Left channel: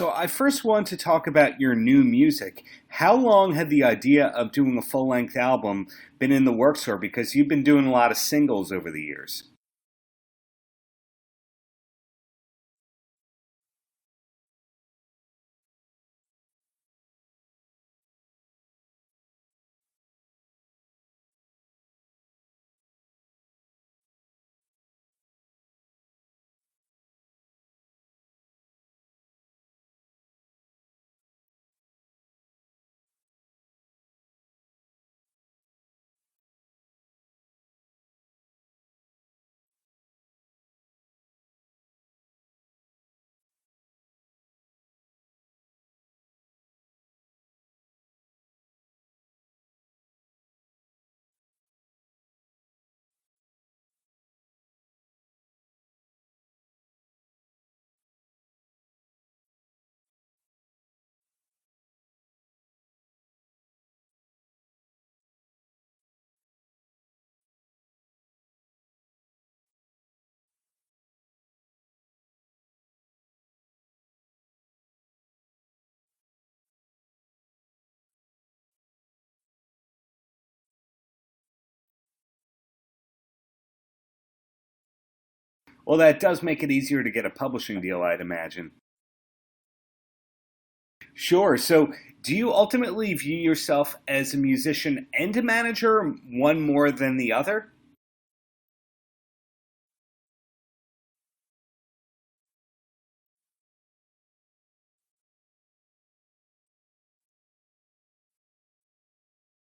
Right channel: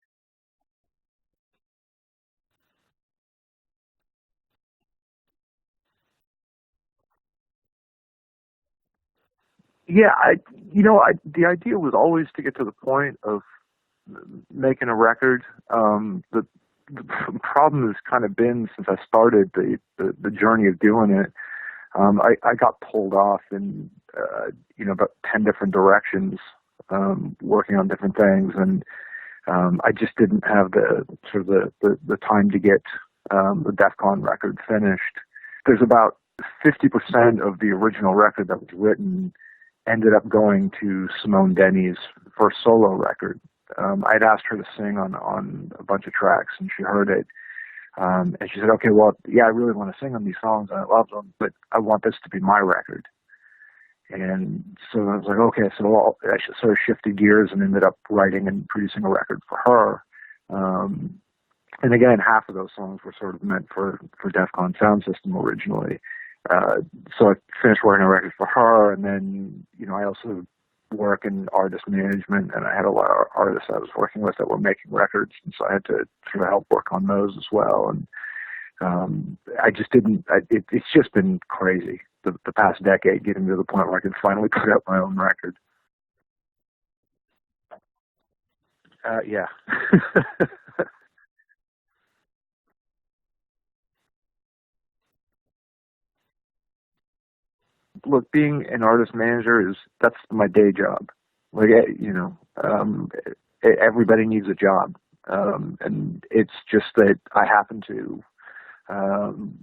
So I first want to talk about your new music. How long had the idea of doing a full-length album been in the works for? Because you've been doing a lot of singles over the years. Yeah, the idea was always to get to the point of making a record. The problem has kind of been since I started the journey of doing it. I got pulled off in about 10 different directions, working on different things, and I just didn't have the time to get the DEF CON record finished. There's about 50% of the original record that was written ended up going to Simone Denny's first solo record. I'd asked her to sing on a bunch of tracks, and she heard it. And she said, okay, well, yeah, I really want to sing on these songs, and I love them, but I want this to be my record. And so I was like, okay, so I sort of shifted gears and ended up writing and producing a record for her. And again, half of those songs were sort of meant for DEF CON Sound System originally. So I finished writing a record for her, and then, I also work in artist management, and I had a lot of artists I was working with that were making records, and so I had to sort of help work on those as well. And I just didn't. It's just been crazy the past decade, getting to the point where I could finally put out my own record. Well, that does make it easier to get a publishing deal, I'd imagine. Yeah. Sure. So do you ultimately view yourself as a musician and a manager, one more than the other? Look, being an artist manager that's my day job. Like, everybody needs a job. And it's just that I happen to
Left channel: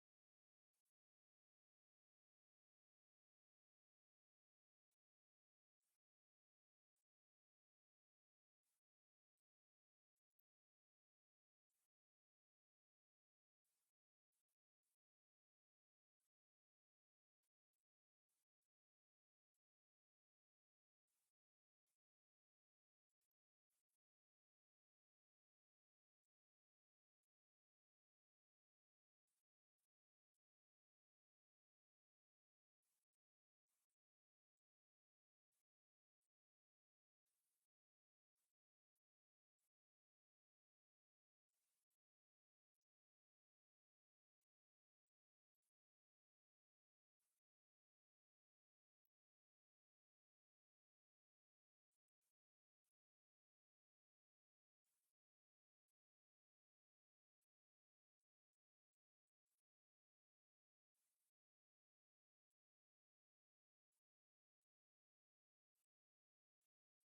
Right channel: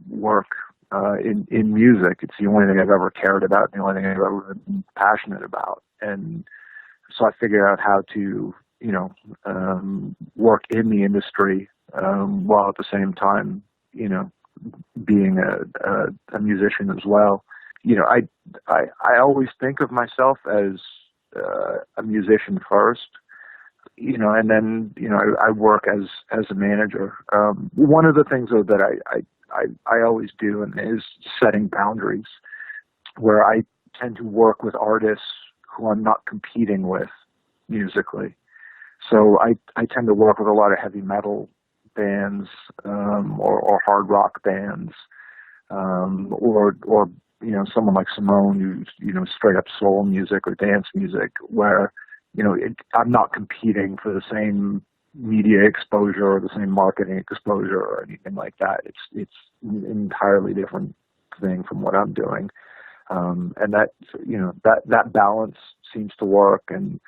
work in music. It's the only thing I've ever cared about, the only thing I've ever been passionate about. And so I figured out how to, work in the industry while at the same time, being a musician as well. I always think of myself as a musician first, and then, I work as a manager. One of the things, though, that I always do is setting boundaries, where I tend to work with artists who I'm not competing with musically. So I tend to work with a lot of heavy metal bands, or hard rock bands, or someone like Simone, who's straight up soul music or dance music, where I'm not competing for the same media exposure or the same marketing exposure or anything like that. It's an entirely different thing from what I'm doing, and that balance seems to work. And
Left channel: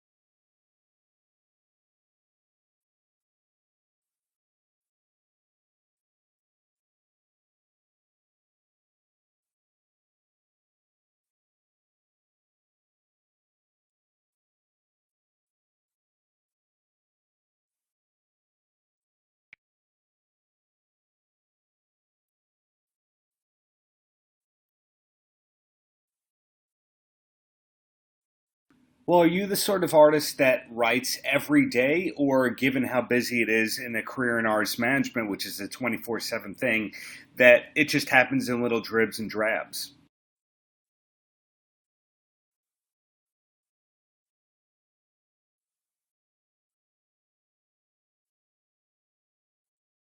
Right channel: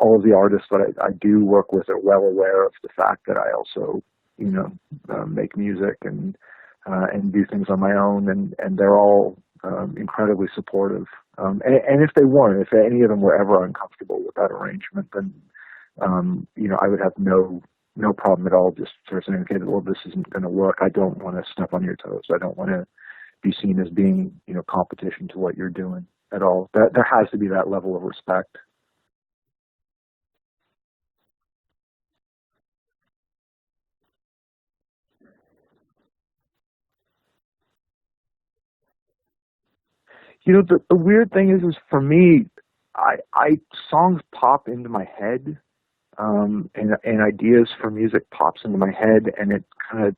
all of the artists that I do work with are well aware of the fact that I also make music and do things on my own, and they're all incredibly supportive. And if they weren't, if any of them were ever uncomfortable with that arrangement, then I would have no problem at all just sort of saying, okay, well, this isn't going to work. I don't want to step on your toes. I don't want to be seen as being competition to what you're doing at all. There has to be that level of respect. Well, are you the sort of artist that writes every day, or given how busy it is in a career in artist management, which is a 24/7 thing, that it just happens in little dribs and drabs? The weird thing is for me, I songs pop into my head, and ideas for music pops into my head, and it kind of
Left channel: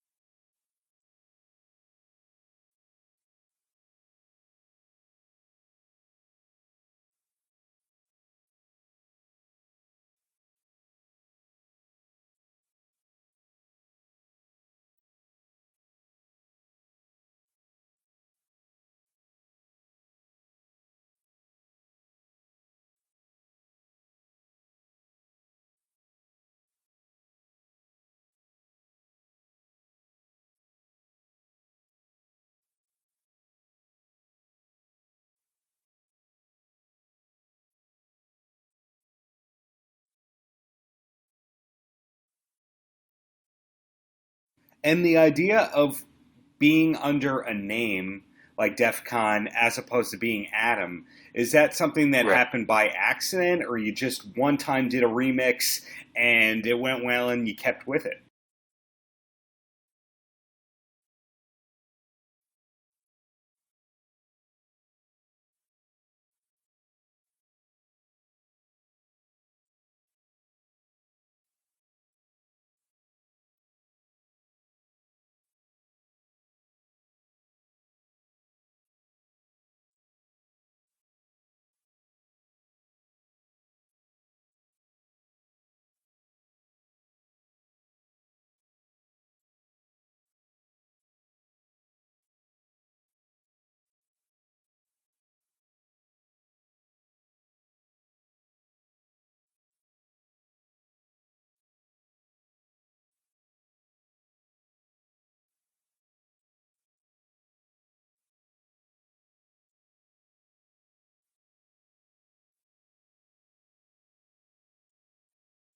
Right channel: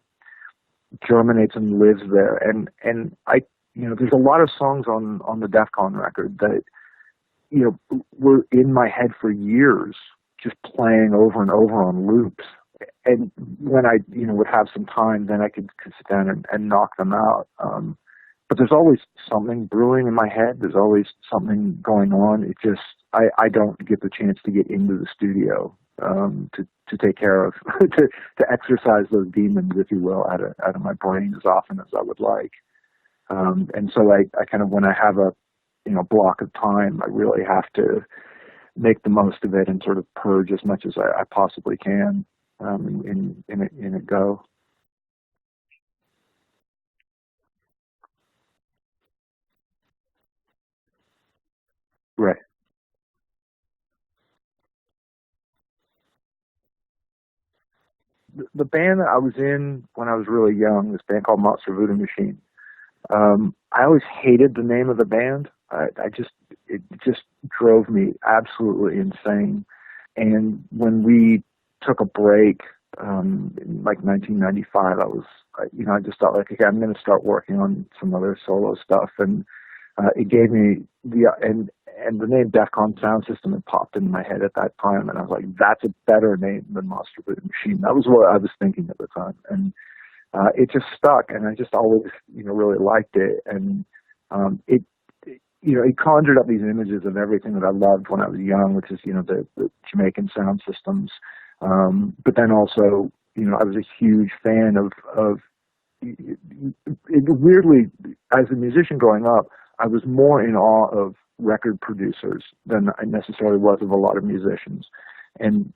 germinates and lives there. And I, there's a lot of songs on the DEF CON record that, were in my head for years, just playing over and over on loops. And when I, would have some time, then I could sit down and knock them out. But there's always something brewing in my head. There's always something going on. It just, I don't get the chance to get into the studio to take care of, to exercise those demons, if you will, out of my brain as often as I would like. And so I kind of, when I have a block of time, I really have to make the most of it and sort of purge as much as I possibly can in a go. And the idea of being under a name like DEF CON as opposed to being Adam, is that something that happened by accident, or you just one time did a remix and it went well and you kept with it? The band that I was in when I was really young, this band called Monster Voodoo Machine, I always hated the name of the band. It just drove me absolutely insane. And when we took a break in like 1995. I just thought like, okay, I'm going to start working on some other solo stuff, and it gave me and the name Def Con Sound System had popped into my head at that time, and I was like, that's a better name than Monster Voodoo Machine. That was what I was thinking at the time, and it just stuck, and I just always, really liked it, and it conjured up these images of everything that I loved when I was young, which is, the Jamaican sound systems. But then also, I was a huge fan of weirdly, as a musician growing up, I was more in awe of record producers than I necessarily was of a lot of musicians. And,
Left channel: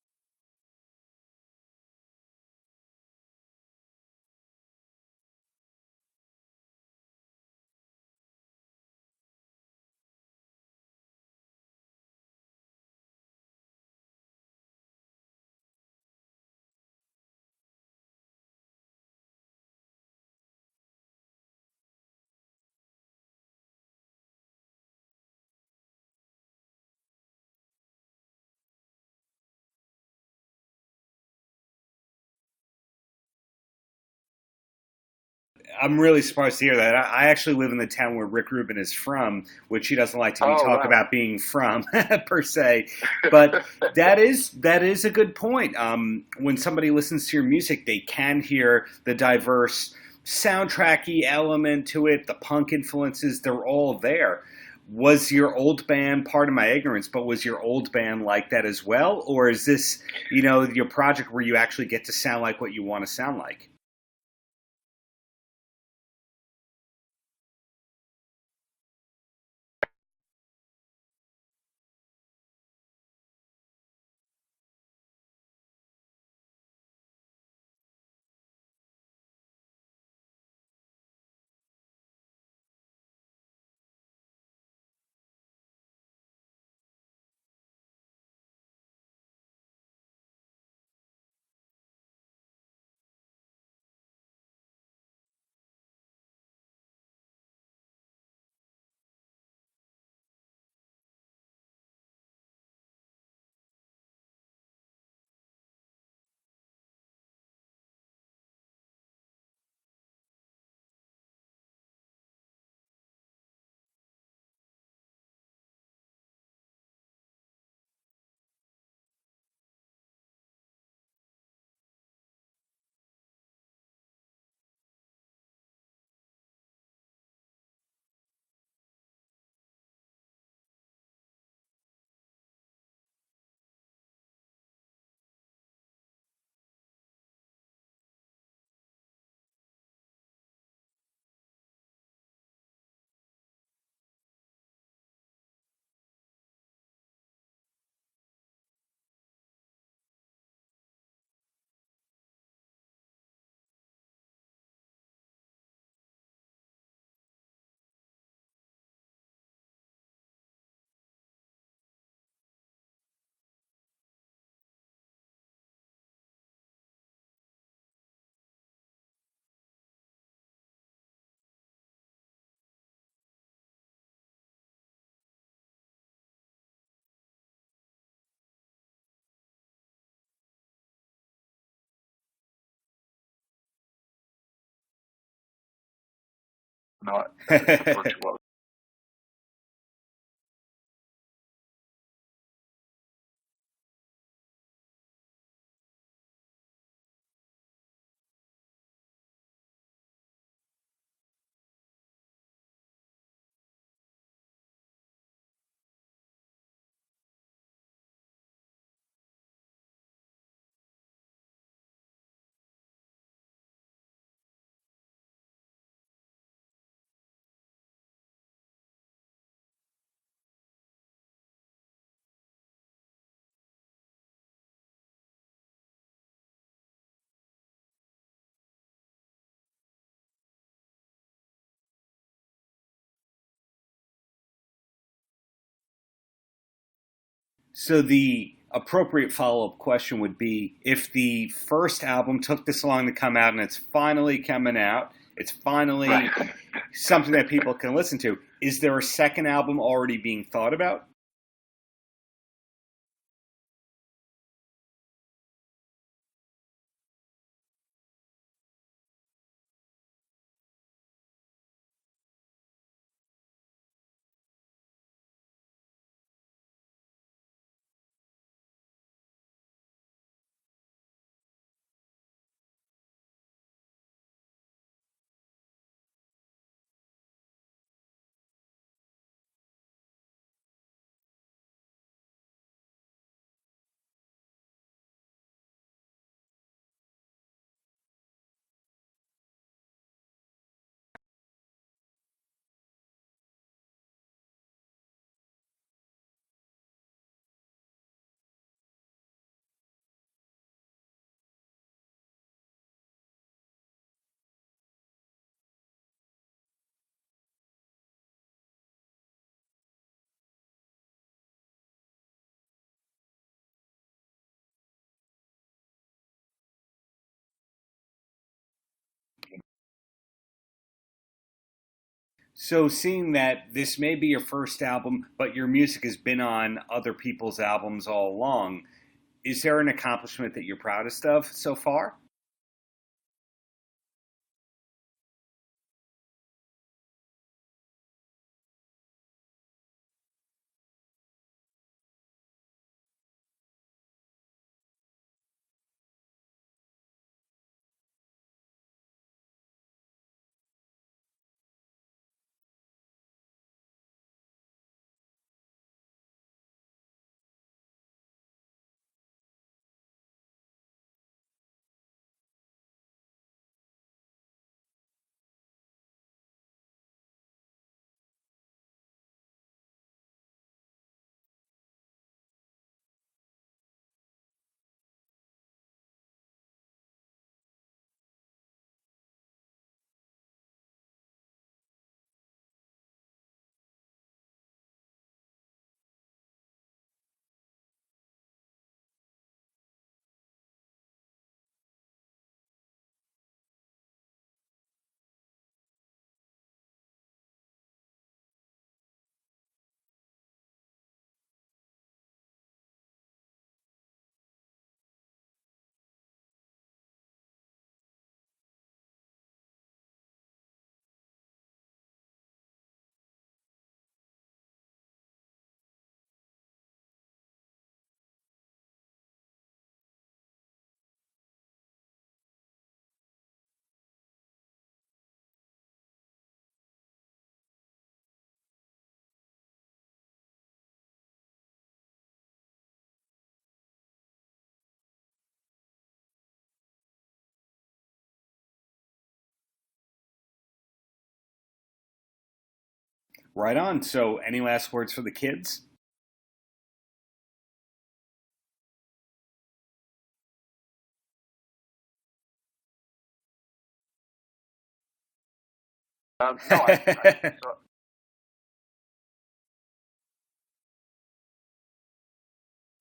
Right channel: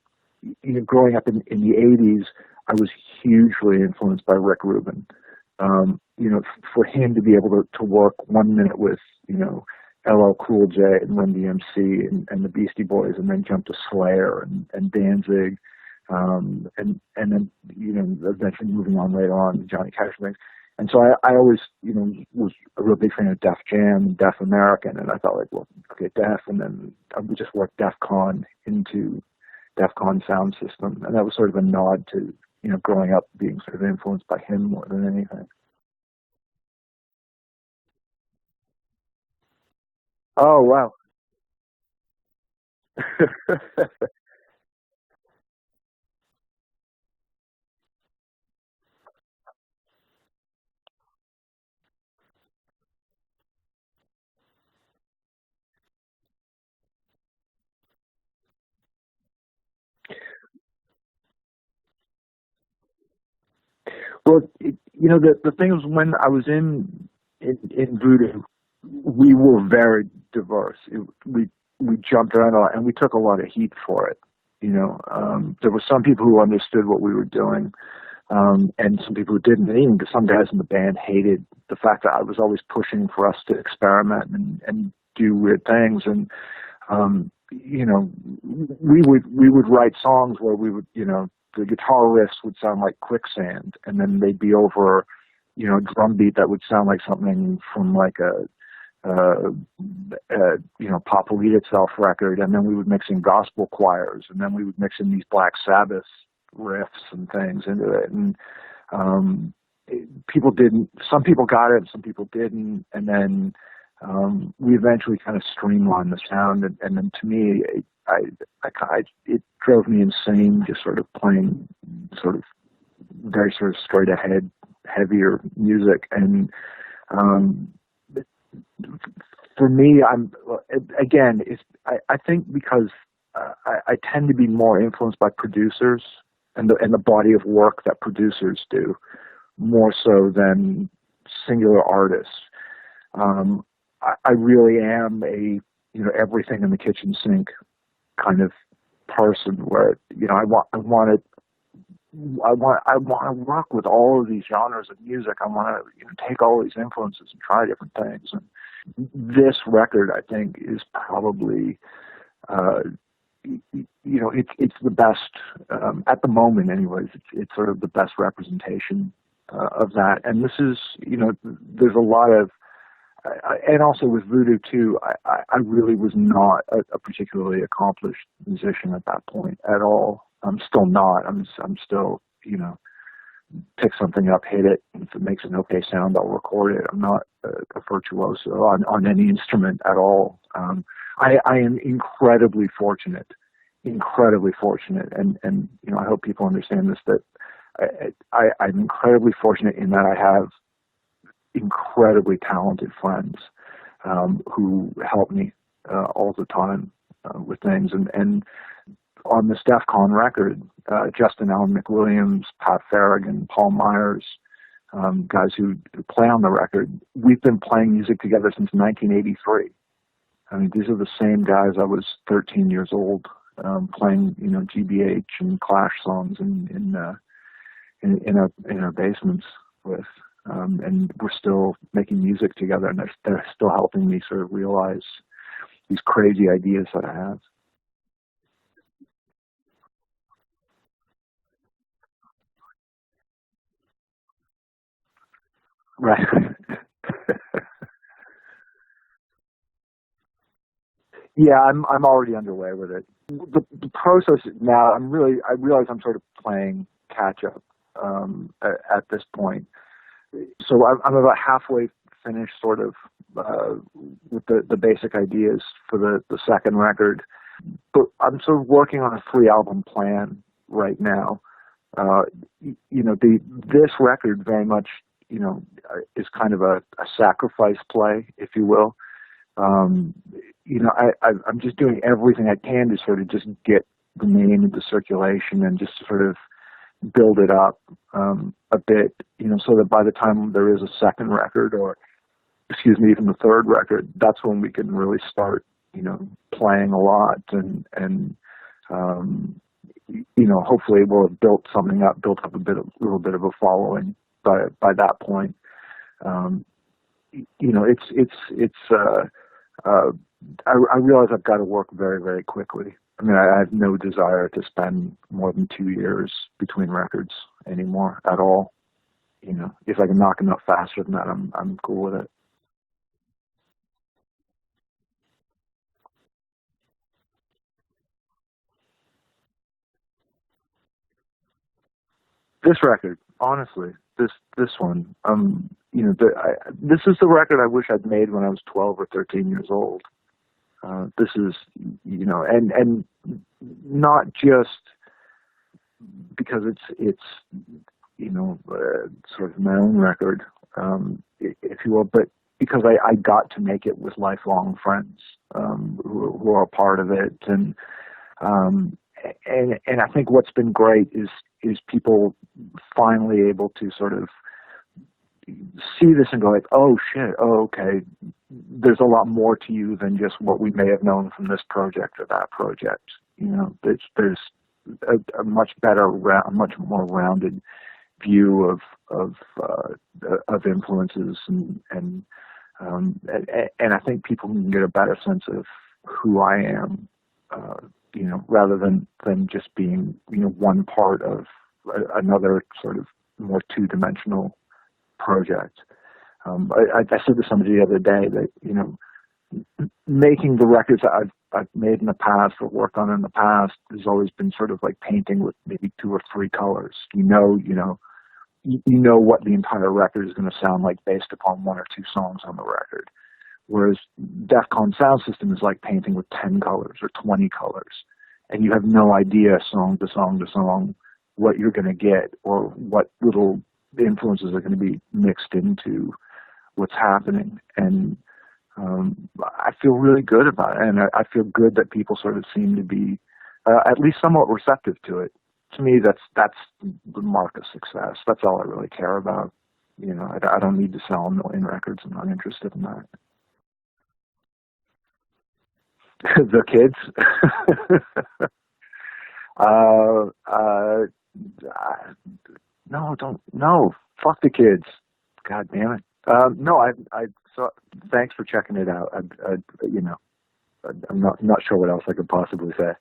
growing up in the 80s, I was hugely influenced by Rick Rubin. For him to be able to work 1 minute with, LL Cool J and Run DMC and the Beastie Boys, and then jump to Slayer and Danzig, and then, eventually moving on later on to Johnny Cash things. And so I always, was a real big fan of Def Jam and Def American, and I thought like, well, okay, Def, and then I would just work Def Con into Def Con Sound System, and that was sort of a nod to, growing up being sort of influenced by him more than anything. I'm really surprised to hear that. I actually live in the town where Rick Rubin is from, which he doesn't like to talk about being from per se. But that is a good point. When somebody listens to your music, they can hear the diverse soundtracky element to it, the punk influences, they're all there. Was your old band, part of my ignorance, but was your old band like that as well? Or is this, your project where you actually get to sound like what you want to sound like? Well, the thing is, when I was in Voodoo, we were very diverse. We jumped around a lot, and we took a lot of heat for it. There were some people who understood what we were doing, and some people who didn't. And even some guys in the band hated the fact that I was always pushing for us to experiment and do weird things. And we would write songs where we would, the guitar riffs would sound like Quicksand, and then they'd be over, a drum beat that would sound like something from like a Pop Will Eat Itself record, and then we would mix in gospel choirs, and then we would mix in these Black Sabbath riffs and things into it. And some people got it, some people didn't, and then we eventually kind of streamlined the sound, and then to me, it drove me insane just sort of playing sort of very sort of straight ahead, heavier music. And for me, I think because I tend to be more influenced by producers and the body of work that producers do, more so than singular artists. I really am a everything in the kitchen sink kind of person, where I want to work with all of these genres of music. I want to take all these influences and try different things. And this record, I think, is probably it's the best at the moment. Anyways, it's sort of the best representation of that. And this is there's a lot of and also with Voodoo too, I really was not a particularly accomplished musician at that point at all. I'm still not. I'm still, pick something up, hit it, and if it makes an okay sound, I'll record it. I'm not a virtuoso on any instrument at all. I am incredibly fortunate, and I hope people understand this, that I'm incredibly fortunate in that I have incredibly talented friends who help me all the time with things. And on this Def Con record, Justin Allen McWilliams, Pat Farragon, Paul Myers, guys who play on the record, we've been playing music together since 1983. I mean, these are the same guys I was 13 years old playing, GBH and Clash songs in our basements with. And we're still making music together, and they're still helping me sort of realize these crazy ideas that I have. So the appropriate follow-up question would be, if the first album took this long to come out and it's finally coming out, it's finally something that people can listen to, is there a second album already being thought about? Yeah, I'm already underway with it. The process now, I realize I'm sort of playing catch up at this point. So I'm about halfway finished, sort of, with the basic ideas for the second record. But I'm sort of working on a 3-album plan right now. This record very much, is kind of a sacrifice play, if you will. I'm just doing everything I can to sort of just get the name into circulation and just sort of build it up a bit, so that by the time there is a second record, or even the third record, that's when we can really start, playing a lot and hopefully we'll have built up a little bit of a following by that point. I realize I've got to work very, very quickly. I mean, I have no desire to spend more than 2 years between records anymore at all. If I can knock them out faster than that, I'm cool with it. So seeing that this may be your first album, but your music has been on other people's albums all along, is there an accomplishment that you're proudest of so far? This record, honestly, this one, this is the record I wish I'd made when I was 12 or 13 years old. This is, and not just because it's sort of my own record, if you will, but because I got to make it with lifelong friends who are a part of it, and I think what's been great is people finally able to sort of see this and go like, oh shit, oh okay, there's a lot more to you than just what we may have known from this project or that project. There's a much better, a much more rounded view of influences, and I think people can get a better sense of who I am, rather than just being, one part of another sort of more two-dimensional project. I said to somebody the other day that, making the records that I've made in the past or worked on in the past has always been sort of like painting with maybe 2 or 3 colors. You know what the entire record is going to sound like based upon 1 or 2 songs on the record. Whereas Defcon sound system is like painting with 10 colors or 20 colors, and you have no idea song to song to song what you're going to get or what little influences are going to be mixed into what's happening. And I feel really good about it, and I feel good that people sort of seem to be at least somewhat receptive to it. To me, that's the mark of success. That's all I really care about. I don't need to sell 1 million records. I'm not interested in that. Right on. So any last words for the kids? The kids? No, fuck the kids. God damn it. So thanks for checking it out. I'm not sure what else I could possibly say.